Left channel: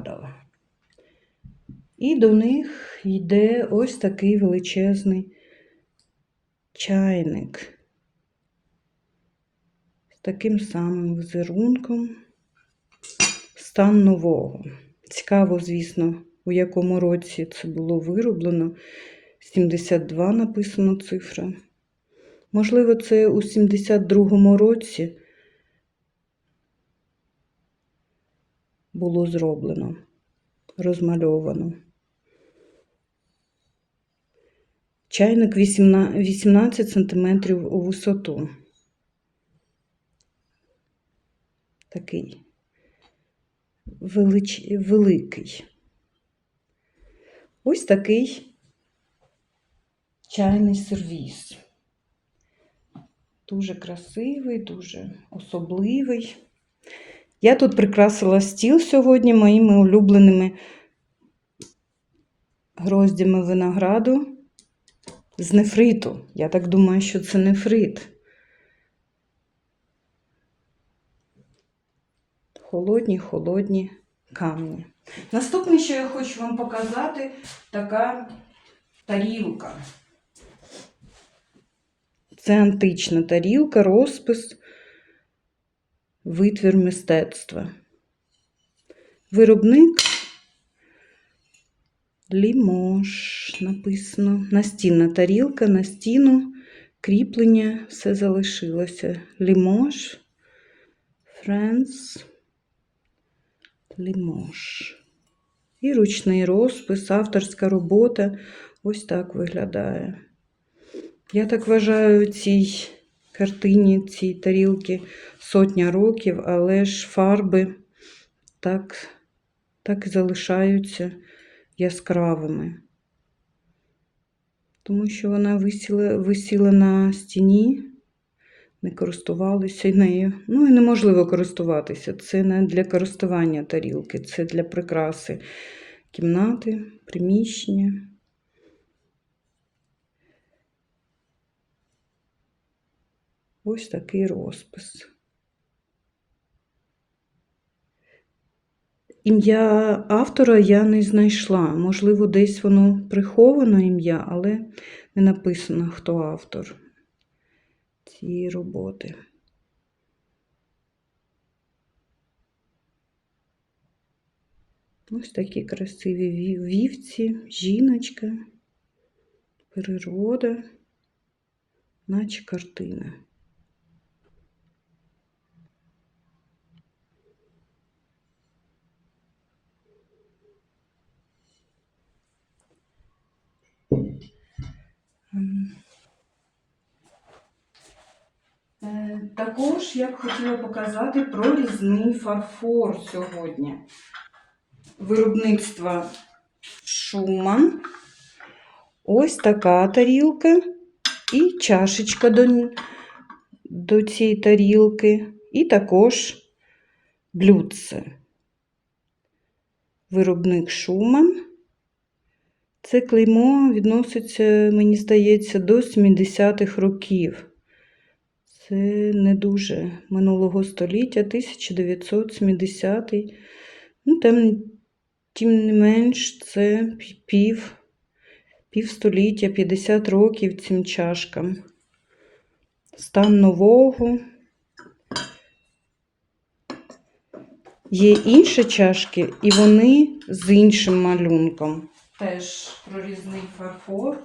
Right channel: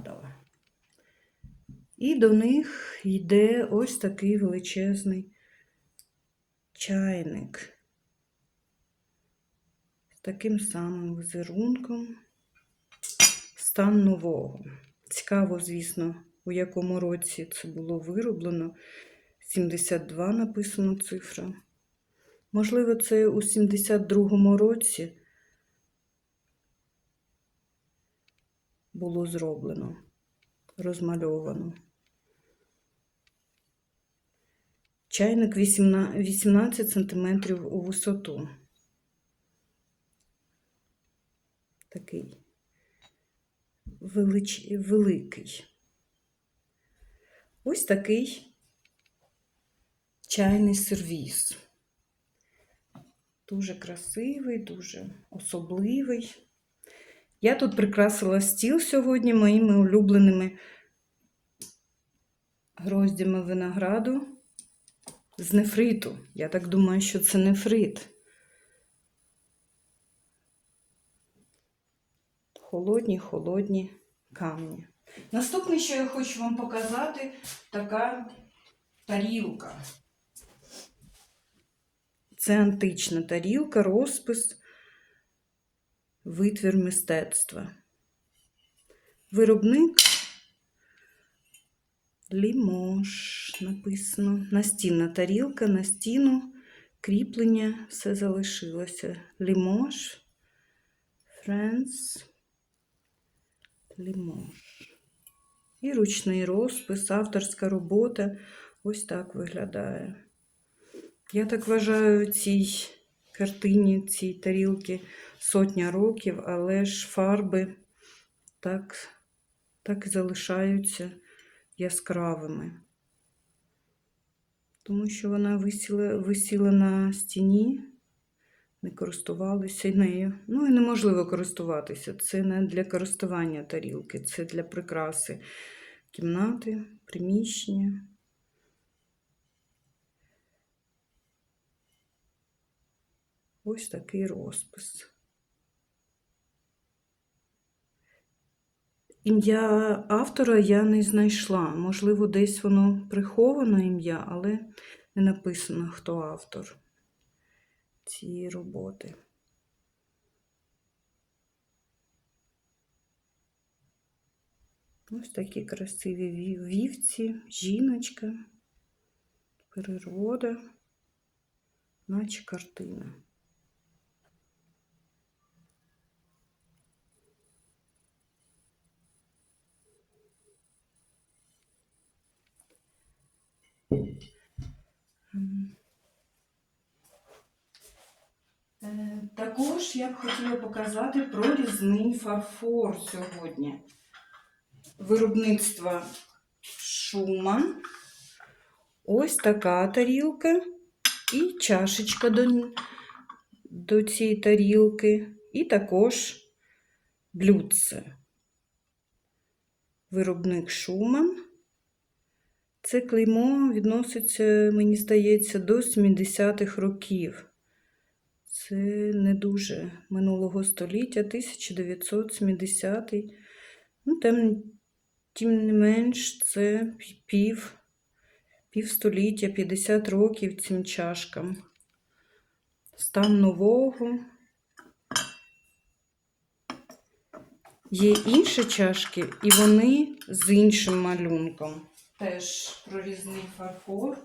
падала. І до них йде ось такий величезний чайник з таким самим візерунком. Стан нового. Цікаво, звісно, у якому році це було вироблено. 72 написано цифра. Можливо, це у 72-му році було зроблено, розмальовано. Чайник 18 см у висоту. Такий велич... великий. Ось такий чайний сервіс. Дуже красивий, дуже особливий. Я тут прикрасила стіл сьогодні моїми улюбленими гроздями винограду з нефриту. Я так думаю, що це нефрит. Холодні, холодні камні. Наступне, що я хочу вам показати, така тарілка. Це антична тарілка, розпис, витвір мистецтва. Виробник Лімош написано. Настінна тарілка, на стіну, кріплення, все залишилося. Лімош, Френс, Лімош. І ручний розпис, авторська робота. Ось так виглядає. Я так вважаю, цій картині, цій тарілки сотня років, але ж фарби так, так і залишаються яскравими. Тому що вона висіла, висіла на стіні, не користувалися нею. Ну і неможливо користуватися. Це не для користування тарілки, це для прикраси кімнати, приміщення. Ось такий розпис. Ім'я автора я не знайшла. Можливо, десь воно приховано ім'я, але не написано, хто автор цієї роботи. Ось такі красиві вівці, жіночка, природа, наче картина. Також я б хотіла показати прорізний фарфор сьогодні. Виробництва Шуман. Ось така тарілка і чашечка до, до цієї тарілки, і також блюдце. Виробник Шуман. Це клеймо відноситься, мені здається, до 70-х років. Це не дуже минулого століття, 1970. Ну, тим, тим не менш, це пів, півстоліття, 50 років цим чашкам. Стан нового. Є інші чашки, і вони з іншим малюнком. Теж прорізний фарфор.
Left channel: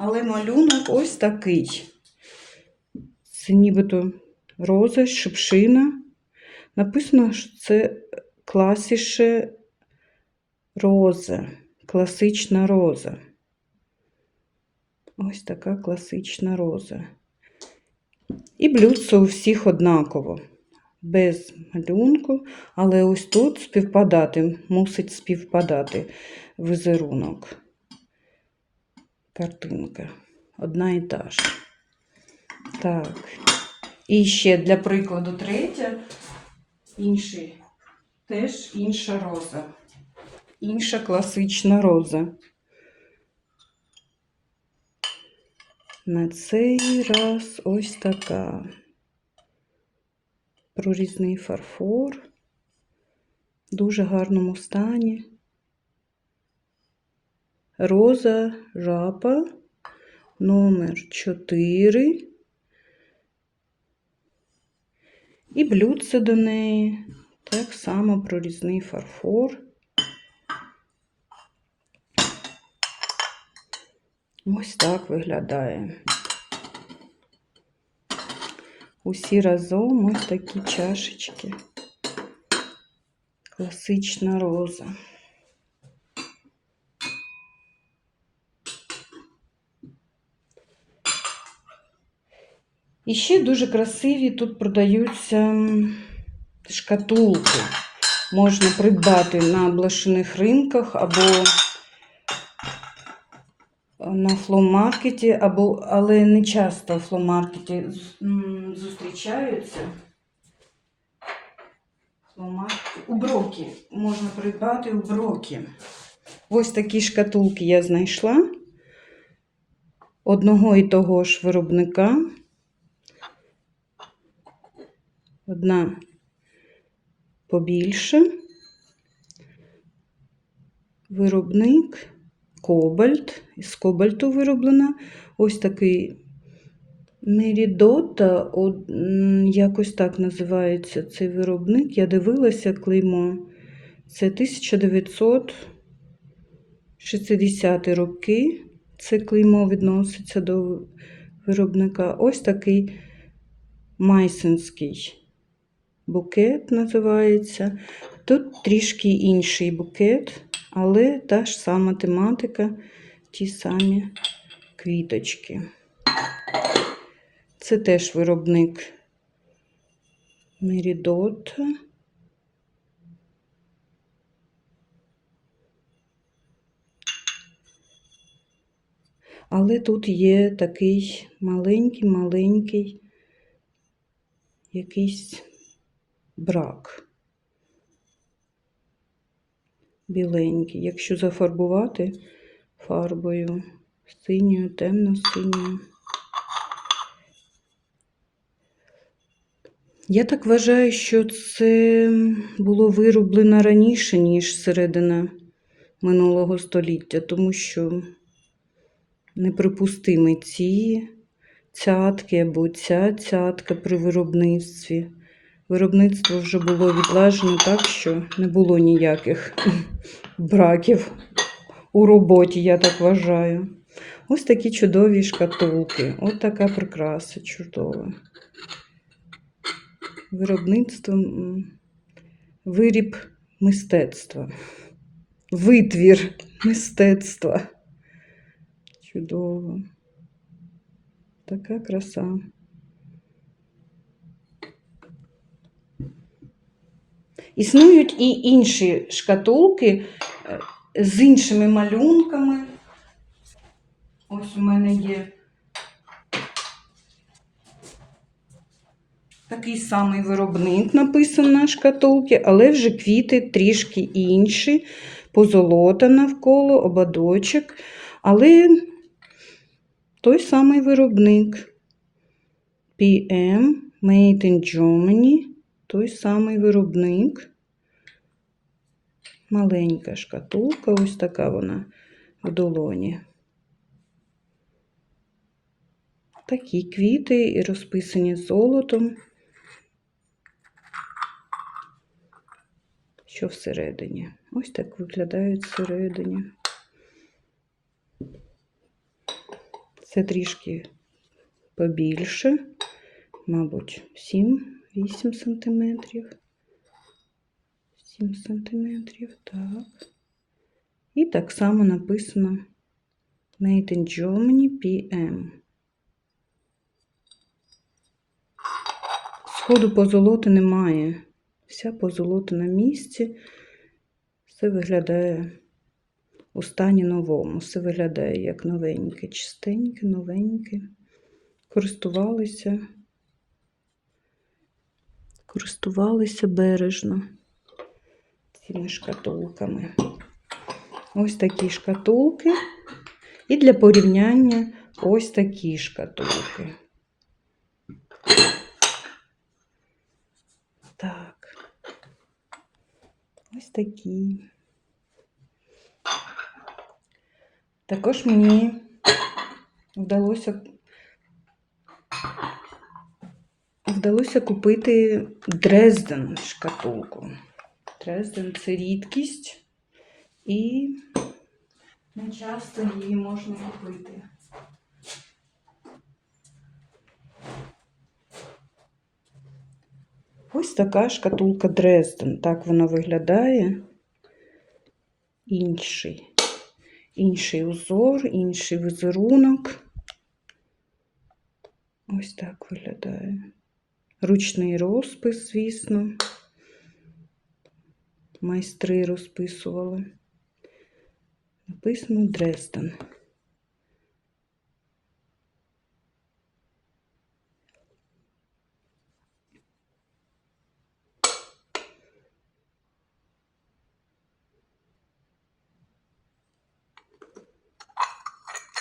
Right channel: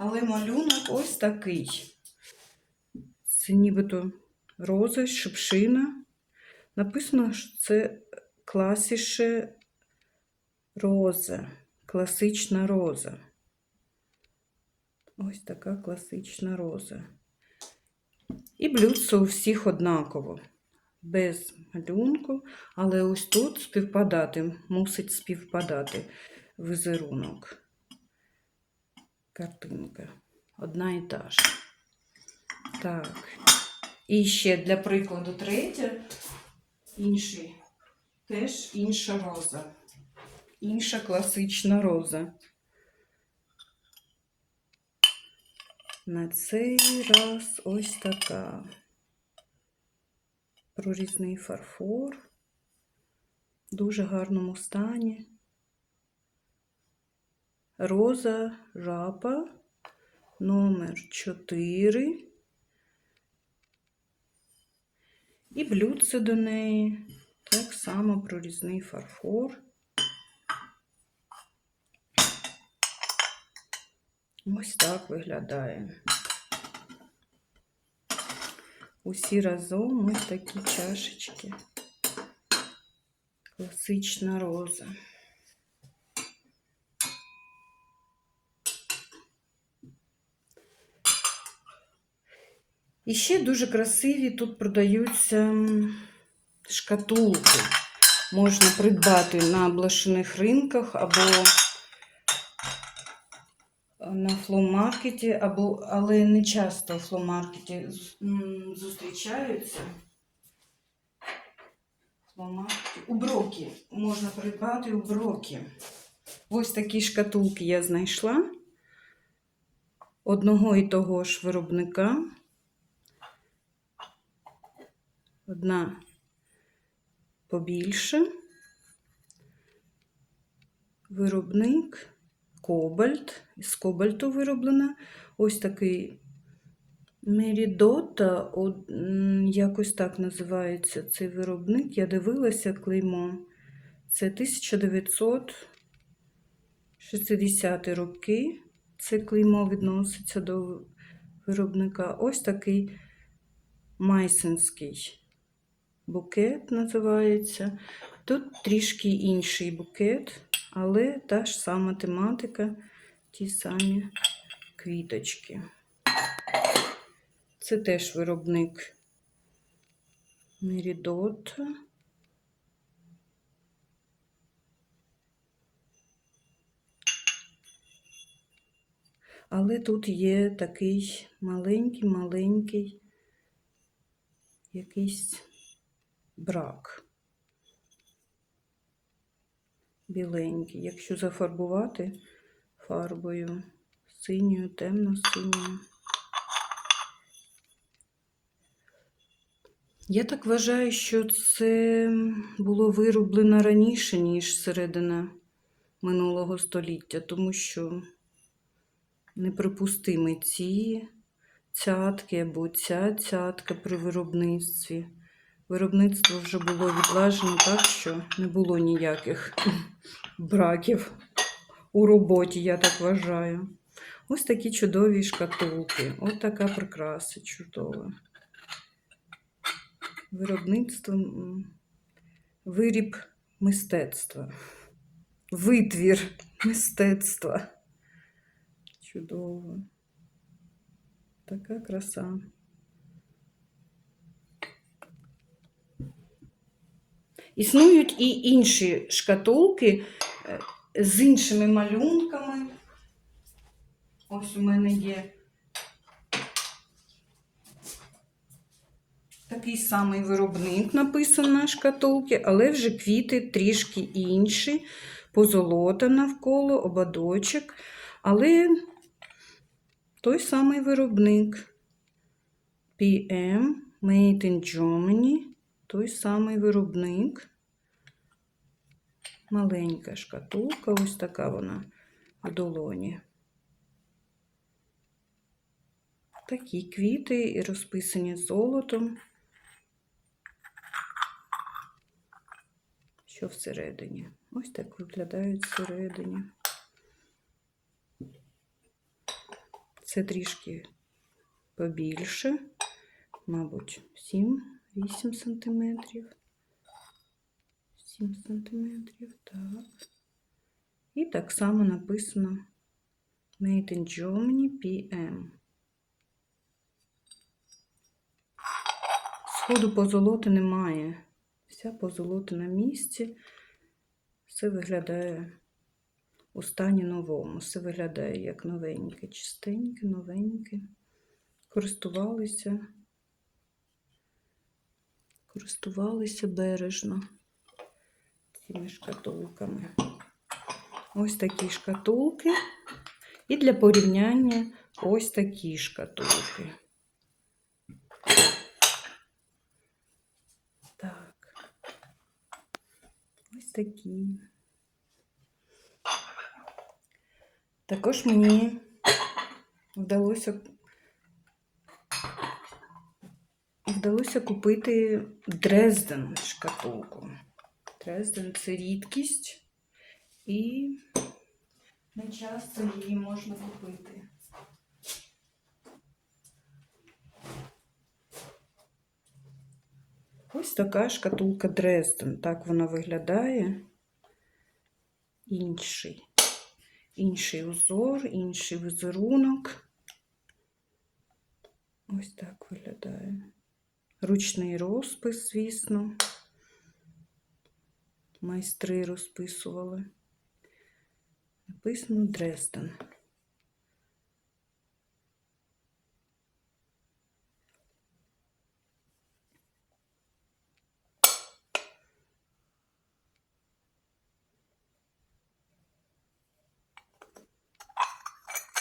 Але малюнок ось такий. Це нібито роза, шипшина. Написано, що це класіше роза, класична роза. Ось така класична роза. І блюдце у всіх однаково, без малюнку, але ось тут співпадати, мусить співпадати візерунок картинка. Одна і та ж. Так. І ще для прикладу третя. Інший. Теж інша роза. Інша класична роза. На цей раз ось така. прорізний фарфор. Дуже гарному стані. Роза жапа номер 4. І блюдце до неї. Так само прорізний фарфор. Ось так виглядає. Усі разом ось такі чашечки. Класична роза. І ще дуже красиві тут продаються шкатулки. Можна придбати на блошиних ринках або на фломаркеті, або, але не часто в фломаркеті зустрічаються. У брокі можна придбати у брокі. Ось такі шкатулки я знайшла одного і того ж виробника. Одна побільше. Виробник Кобальт. Із кобальту вироблена. Ось такий Мерідота, якось так називається цей виробник. Я дивилася клеймо. Це 1960 роки. Це клеймо відноситься до виробника. Ось такий майсенський букет називається. Тут трішки інший букет, але та ж сама тематика, ті самі квіточки. Це теж виробник Мерідот. Але тут є такий маленький-маленький якийсь брак. Біленький. Якщо зафарбувати фарбою синьою, темно-синьою. Я так вважаю, що це було вироблено раніше, ніж середина минулого століття, тому що неприпустимі ці цятки або ця цятка при виробництві. Виробництво вже було відлажено так, що не було ніяких браків у роботі, я так вважаю. Ось такі чудові шкатулки. Ось така прикраса чудова. Виробництво, виріб мистецтва. Витвір мистецтва. Чудово. Така краса. Існують і інші шкатулки е, з іншими малюнками. Ось у мене є такий самий виробник написано на шкатулці, але вже квіти трішки інші, позолота навколо, ободочок. Але той самий виробник PM Made in Germany, той самий виробник. Маленька шкатулка, ось така вона в долоні. Такі квіти і розписані золотом. Що всередині? Ось так виглядають всередині. Це трішки побільше, мабуть, 7-8 сантиметрів. 7 сантиметрів, так. І так само написано Made in Germany PM. Сходу позолоти немає. Вся позолота на місці. Все виглядає у стані новому. Все виглядає як новеньке, чистеньке, новеньке. Користувалися, користувалися бережно цими шкатулками. Ось такі шкатулки. І для порівняння ось такі шкатулки. Так. Ось такі. Також мені вдалося вдалося купити Дрезден шкатулку. Дрезден це рідкість і не часто її можна купити. Ось така шкатулка Дрезден. Так вона виглядає. Інший. Інший узор, інший візерунок. Ось так виглядає. Ручний розпис, звісно. Майстри розписували. Написано Дрезден.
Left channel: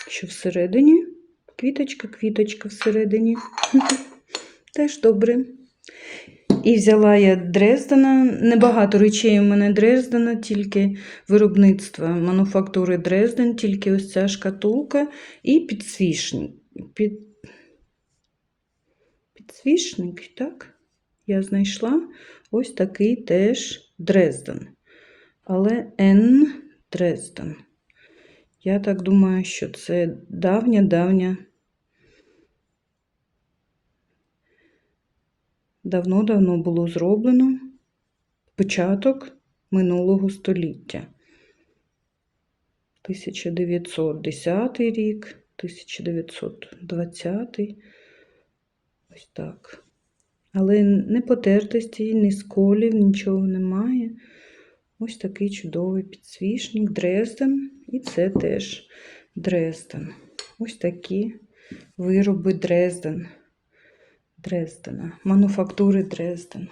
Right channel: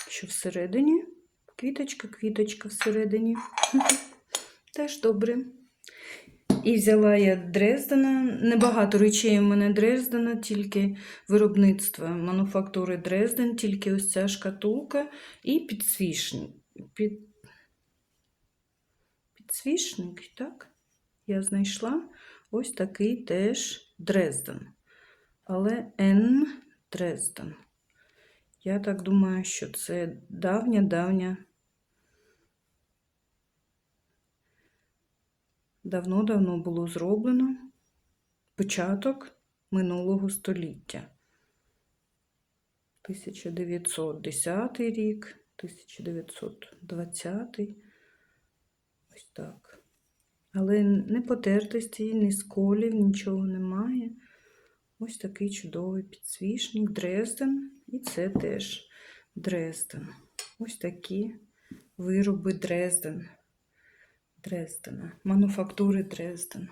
Що всередині? Квіточка, квіточка всередині. Теж добре. І взяла я Дрездена. Небагато речей у мене Дрездена, тільки виробництва мануфактури Дрезден, тільки ось ця шкатулка і підсвічник. Під... Підсвічник, так? Я знайшла ось такий теж Дрезден. Але Н Дрезден. Я так думаю, що це давня-давня. Давно-давно було зроблено початок минулого століття. 1910 рік, 1920. Ось так. Але не потертості, ні сколів, нічого немає. Ось такий чудовий підсвічник Дрезден. І це теж Дрезден. Ось такі вироби Дрезден. Дрездена. Мануфактури Дрезден.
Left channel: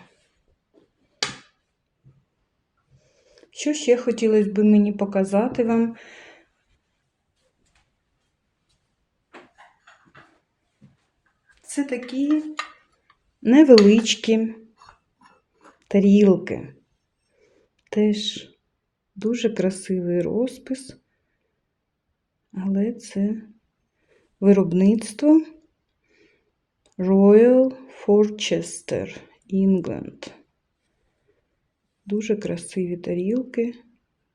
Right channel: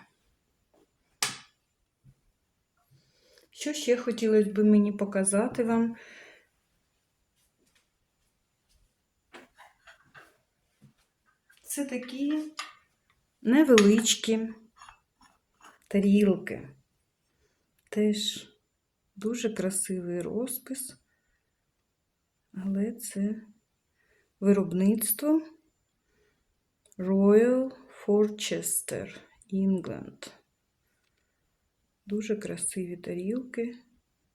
Що ще хотілося б мені показати вам? Це такі невеличкі тарілки. Теж дуже красивий розпис, але це виробництво Royal Forchester, England. Дуже красиві тарілки,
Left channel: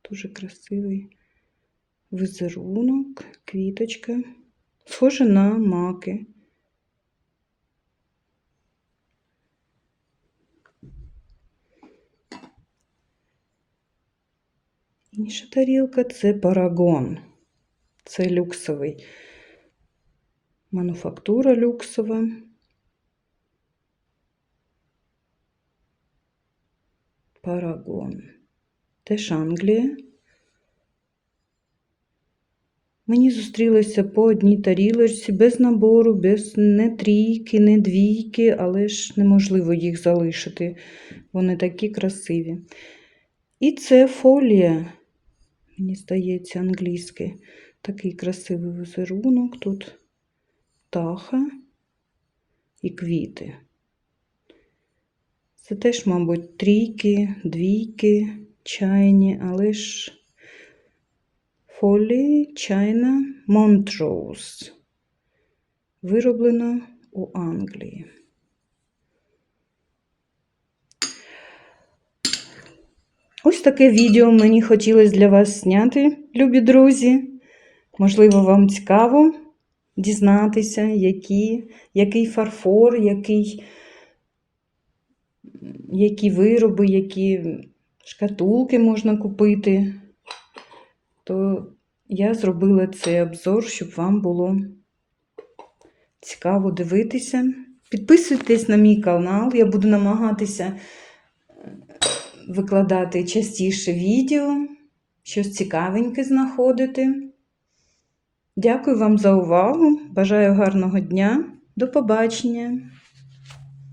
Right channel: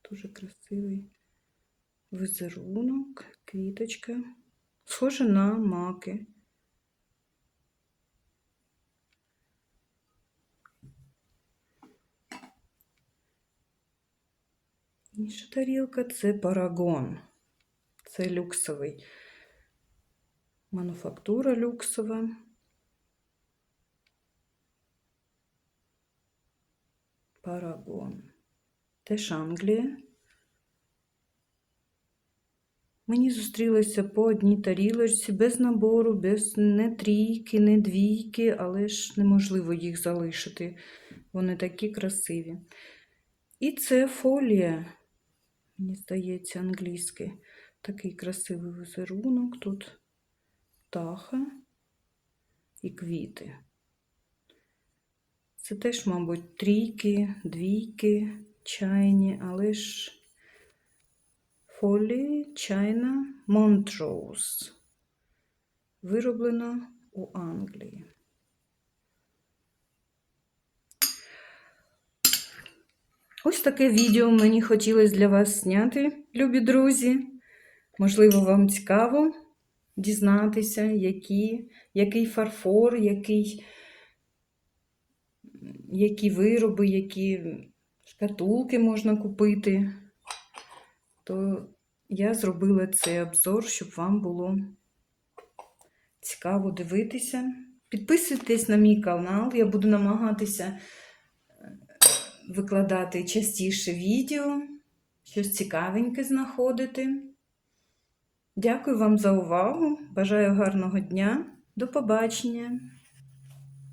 дуже красивий візерунок, квіточка. Схоже на маки. Інша тарілка це парагон. Це люксовий. Мануфактура люксова. Парагон. Теж Англія. Мені зустрілися по одній тарілочці, без набору, без не трійки, не двійки, але ж неможливо їх залишити. Вони такі красиві. І це фолія, мені здається, англійське. Такий красивий візерунок. Тут птаха і квіти. Це теж, мабуть, трійки, двійки, чайні, але ж фолії чайна Монтроуз. Вироблена у Англії. Ось таке відео мені хотілося для вас зняти, любі друзі. Можливо, вам цікаво дізнатися, які, який фарфор, який, які вироби, які шкатулки можна купити. То я зробила цей обзор, щоб вам було цікаво дивитися. Підписуйтесь на мій канал, я буду намагатися викладати частіше відео, щось цікавеньке знаходити. Дякую вам за увагу. Бажаю гарного дня. До побачення!